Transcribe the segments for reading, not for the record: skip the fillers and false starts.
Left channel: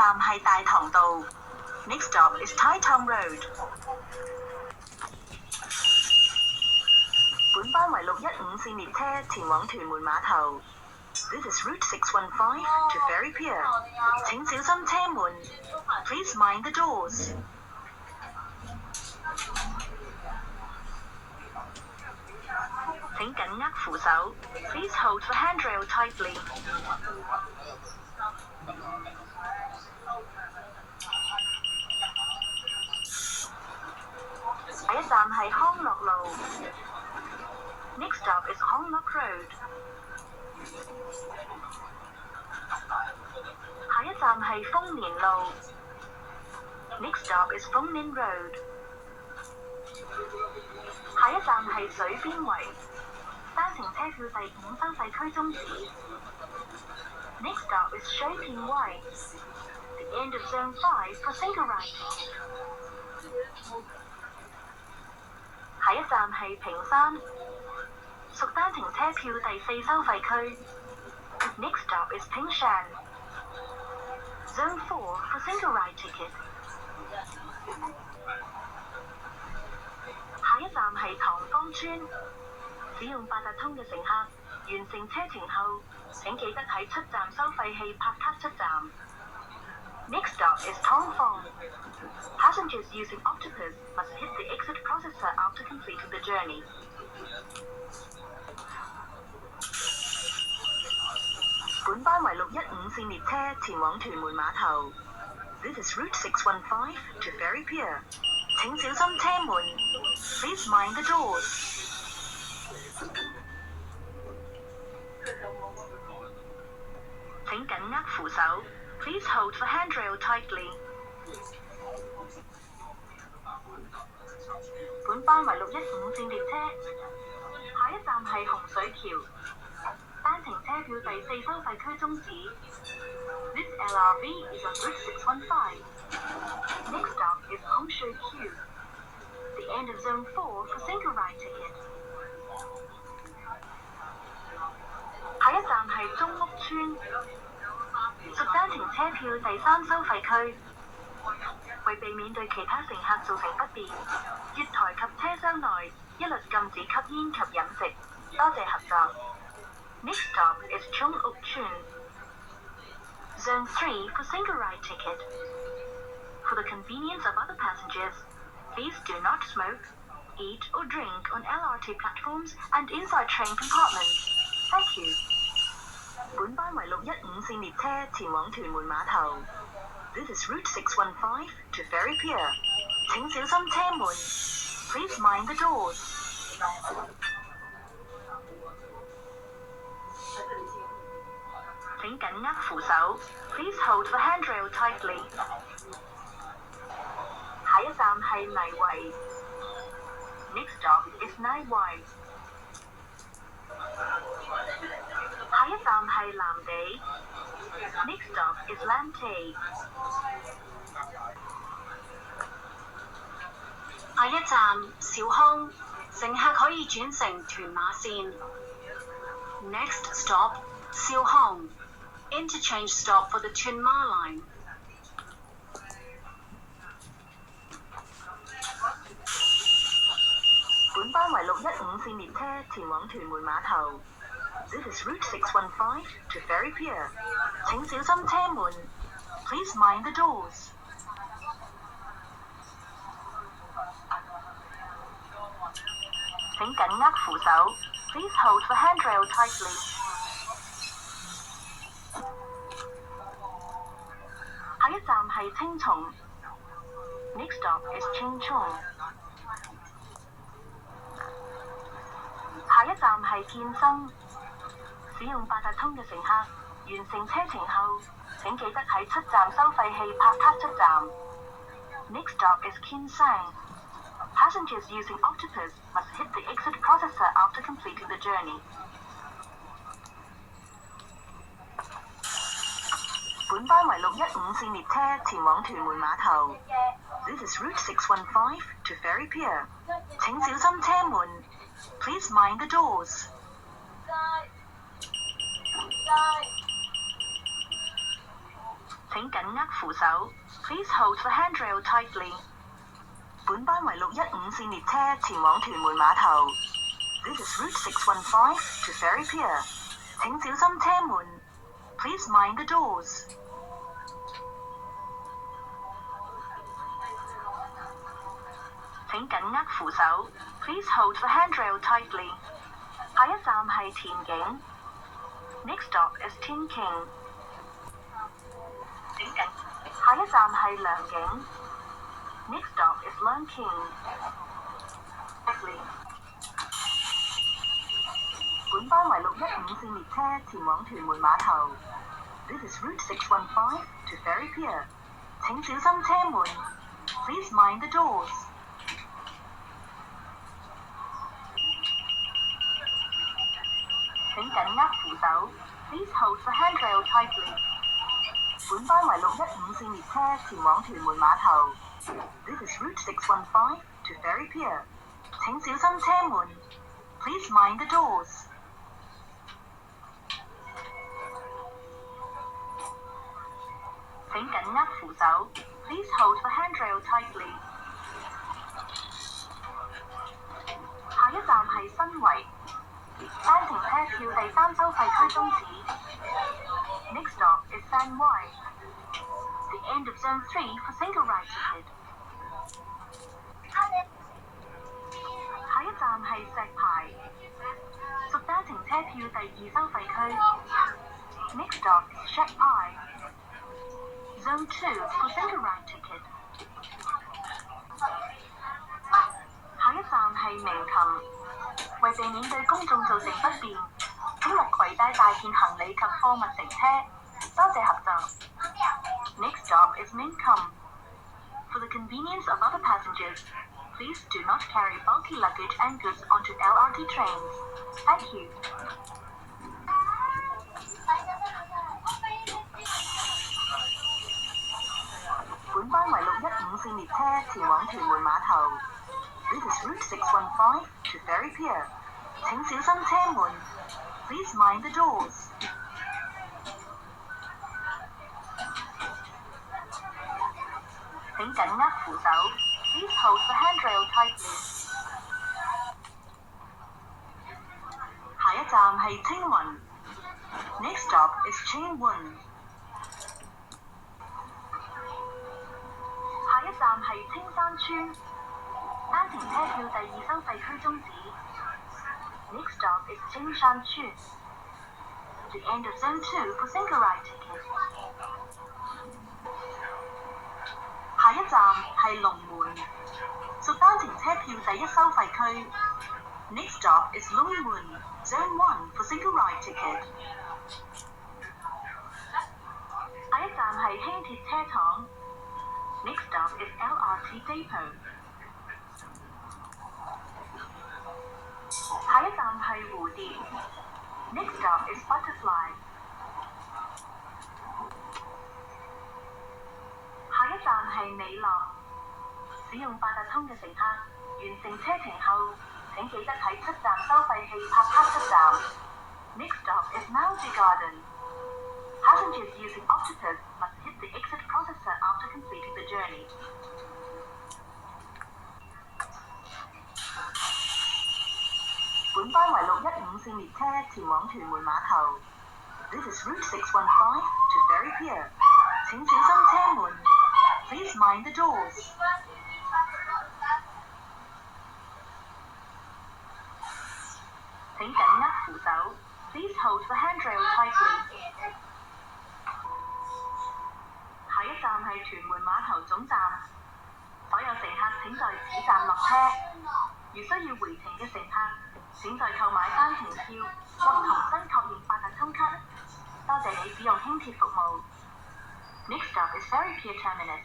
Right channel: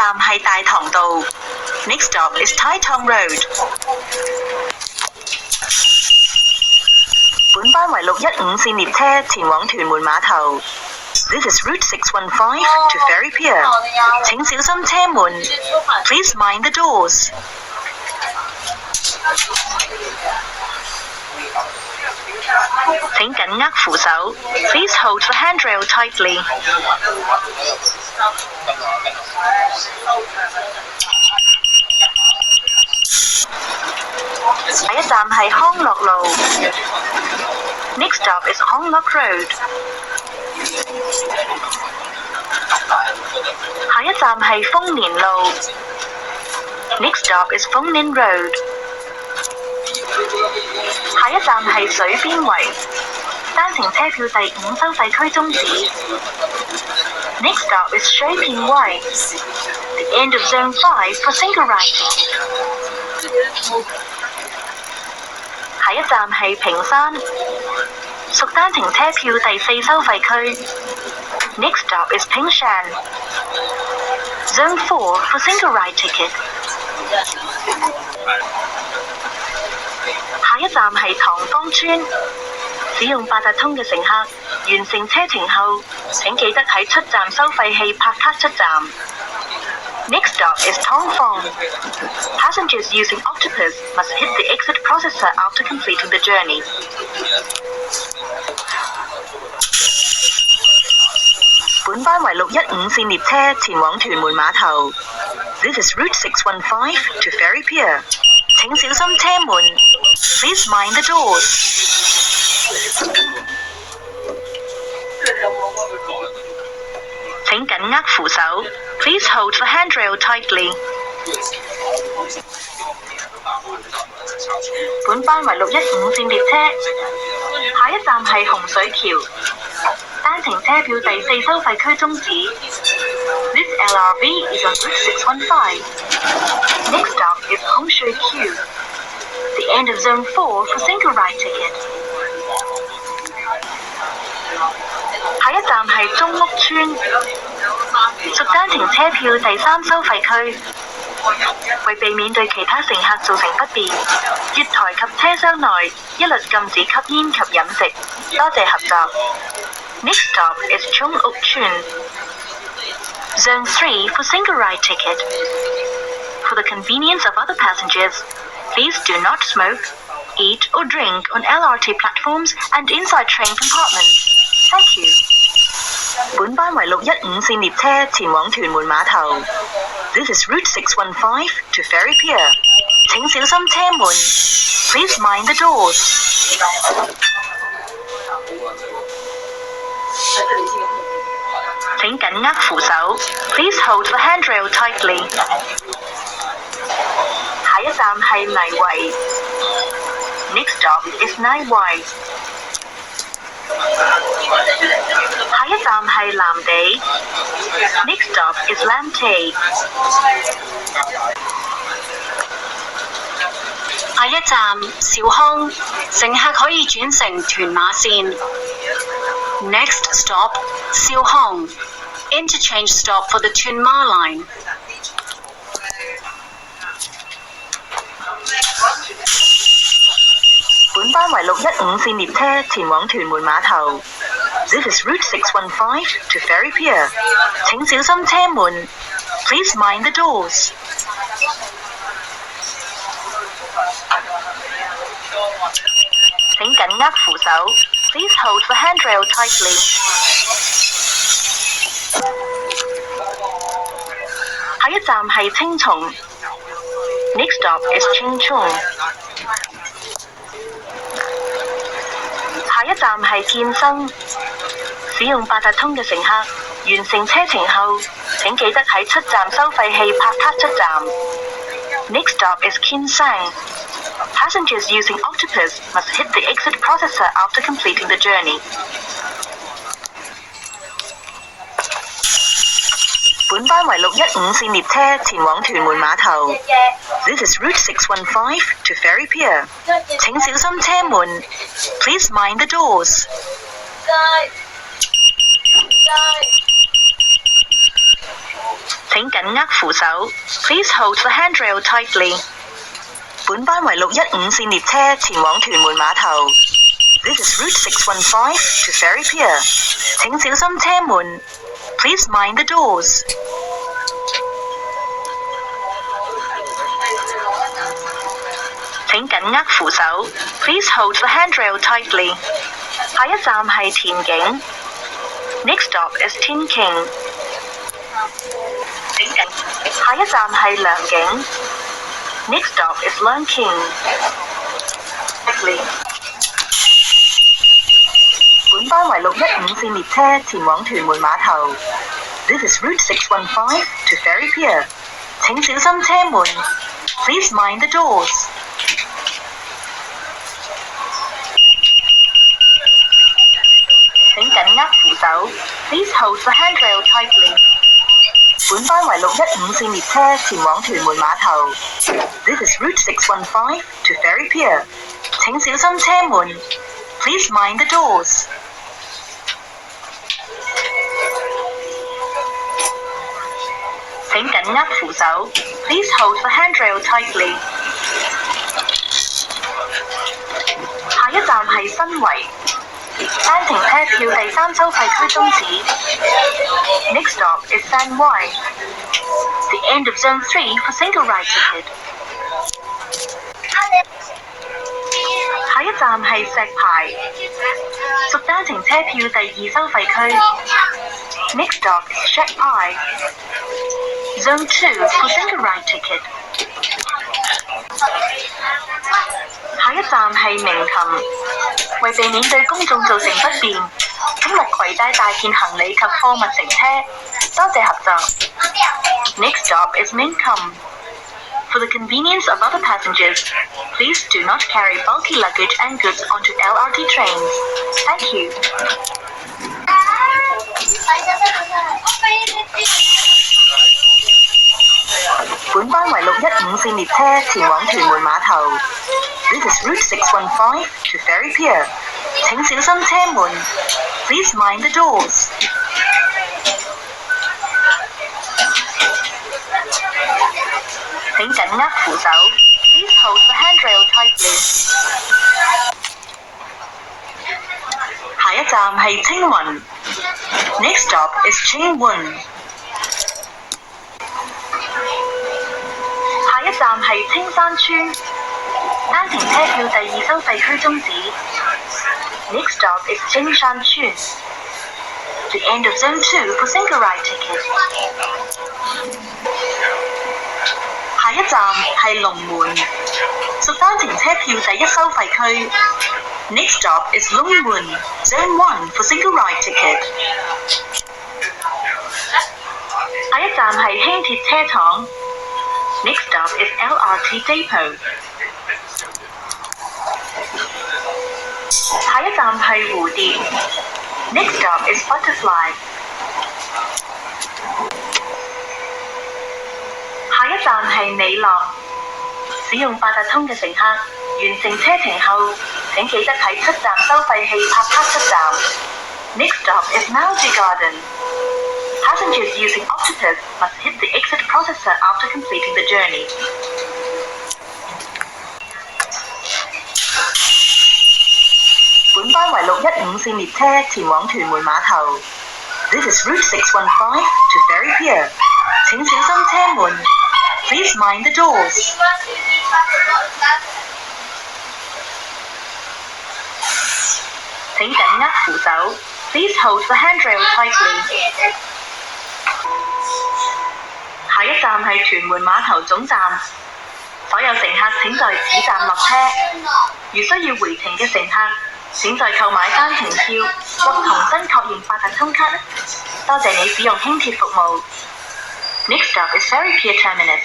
站係大棠道 ，Next stop is Tai Tong Road。本班為615線列車前往屯門碼頭。This is Route 615 to Ferry Pier。請小心車門 ，Please mind the doors。請緊握扶手 ，Please hold the handrail tightly。下一站係康樂路 ，Next stop is 康樂 Road。下一站係豐年路 ，Next stop is 豐年 Road。下一站係水邊圍，單程車票第5收費區終止。Next stop is 水邊圍 ，the end of Zone 5 for single ride。下一站係屏山，屬單程車票第4收費區。Next stop is 屏山 ，Zone 4 for single ride ticket。下一站係塘坊村，使用八達通嘅乘客完成車程後，請記得喺出站收費器拍卡出站。Next stop is Tong Fong. Passengers using Octopus must hit the exit processor after completing the journey. 本班為615線列車前往屯門碼頭。This is Route 615 to Ferry Pier. 請小心車門 ，Please mind the doors。請緊握扶手 ，Please hold the handrail tightly。本班為615線列車，下一站係洪水橋，單程車票第4收費區終止。This LRV is on Route 615. Next stop is 洪水橋 the end of Zone 4 for single ride ticket。下一站係中屋村，屬單程車票第3收費區。為避免對其他乘客造成不便，月台及車廂內一律禁止吸煙及飲食。多謝合作。Next stop is 中屋村 Zone 3 for single ride ticket. For the convenience of other passengers, please do not smoke, eat or drink on LRT platforms and inside train compartments. Thank you. 本班為615線列車前往屯門碼頭。This is Route 615 to Ferry Pier. 請小心車門 ，Please mind the doors。請緊握扶手 ，Please hold the handrail tightly。下一站係泥圍 ，Next stop is 泥圍。下一站係藍地 ，Next stop is 藍地。下一站兆康，乘客可以轉乘屯馬線。Next stop 兆康 ，interchange stop for the 屯馬 line。本班為615線列車前往屯門碼頭。This is Route 615 to Ferry Pier. 請小心車門 ，Please mind the doors。請緊握扶手 ，Please hold the handrail tightly。下一站係青松 ，Next stop is 青松。下一站係建生，使用八達通嘅乘客完成車程後，請記得喺出站收費器拍卡出站。Next stop is Kinsang. Passengers using Octopus must hit the exit processor after completing the journey. 本班為615線列車前往屯門碼頭。This is Route 615 to Ferry Pier. 請小心車門 ，Please mind the doors。請請緊握扶手。Please hold the handrail tightly. 本班為615線列車前往屯門碼頭。This is Route 615 to Ferry Pier. 請小心車門。Please mind the doors. 請緊握扶手。Please hold the handrail tightly. 下一站係田景。Next stop is Tin King. 下一站係良景。Next stop is Leung King. 本班為615線列車前往屯門碼頭。This is Route 615 to Ferry Pier. 請小心車門。Please mind the doors. 請緊握扶手。Please hold the handrail tightly. 本班為615線列車前往屯門碼頭。This is Route 615 to Ferry Pier. 請小心車門。Please mind the doors. 請緊握扶手。Please hold the handrail tightly. 下一站係新圍。單程車票第3收費區終止。Next stop is San Y. The end of Zone 3 for single ride ticket. 下一站係石牌，屬單程車票第2收費區。Next stop is Shet Pai. Zone 2 for single ride ticket. 下一站係鳴琴，為避免對公眾造成不便，請勿攜帶大件行李及貨物乘車。多謝合作。Next stop is Minkum. For the convenience of other passengers, please do not carry bulky luggage and goods onto LRT trains. Thank you. 本班為615線列車前往屯門碼頭。This is Route 615 to Ferry Pier. 請小心車門。Please mind the doors. 請緊握扶手。Please hold the handrail tightly. 下一站係青雲。Next stop is Chingwon. 下一站係青山村。單程車票第2收費區終止。Next stop is 青山村。The end of Zone 2 for single ride ticket. 下一站係龍門，屬單程車票第1收費區。Next stop is Longmun, Zone 1 for single ride ticket. 下一站係輕鐵車廠。Next stop is LRT Depot. 下一站係蝴蝶。Next stop is Butterfly. 下一站係美樂。使用八達通嘅乘客，完成車程後，請記得喺出站收費器拍卡出站。Next stop is Malji Garden. Passengers using Octopus must hit the exit processor after completing the journey. 本班為615線列車前往屯門碼頭。This is Route 615 to Ferry Pier. 請小心車門。Please mind the doors. 請緊握扶手。Please hold the handrail tightly. 下一站係屯門碼頭總站，所有乘客請在此站落車。如需要回程嘅乘客，請在購買單程票或重新確認八達通卡。多謝你使用輕鐵服務。Next stop is Ferry Pier Terminus.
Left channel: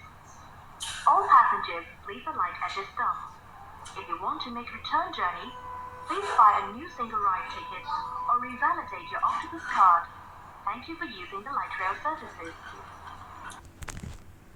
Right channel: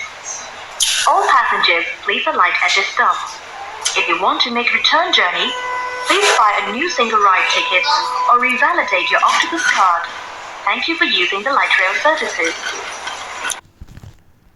All passengers, please alight at this stop. If you want to make a return journey, please buy a new single ride ticket or revalidate your Octopus card. Thank you for using the light rail services.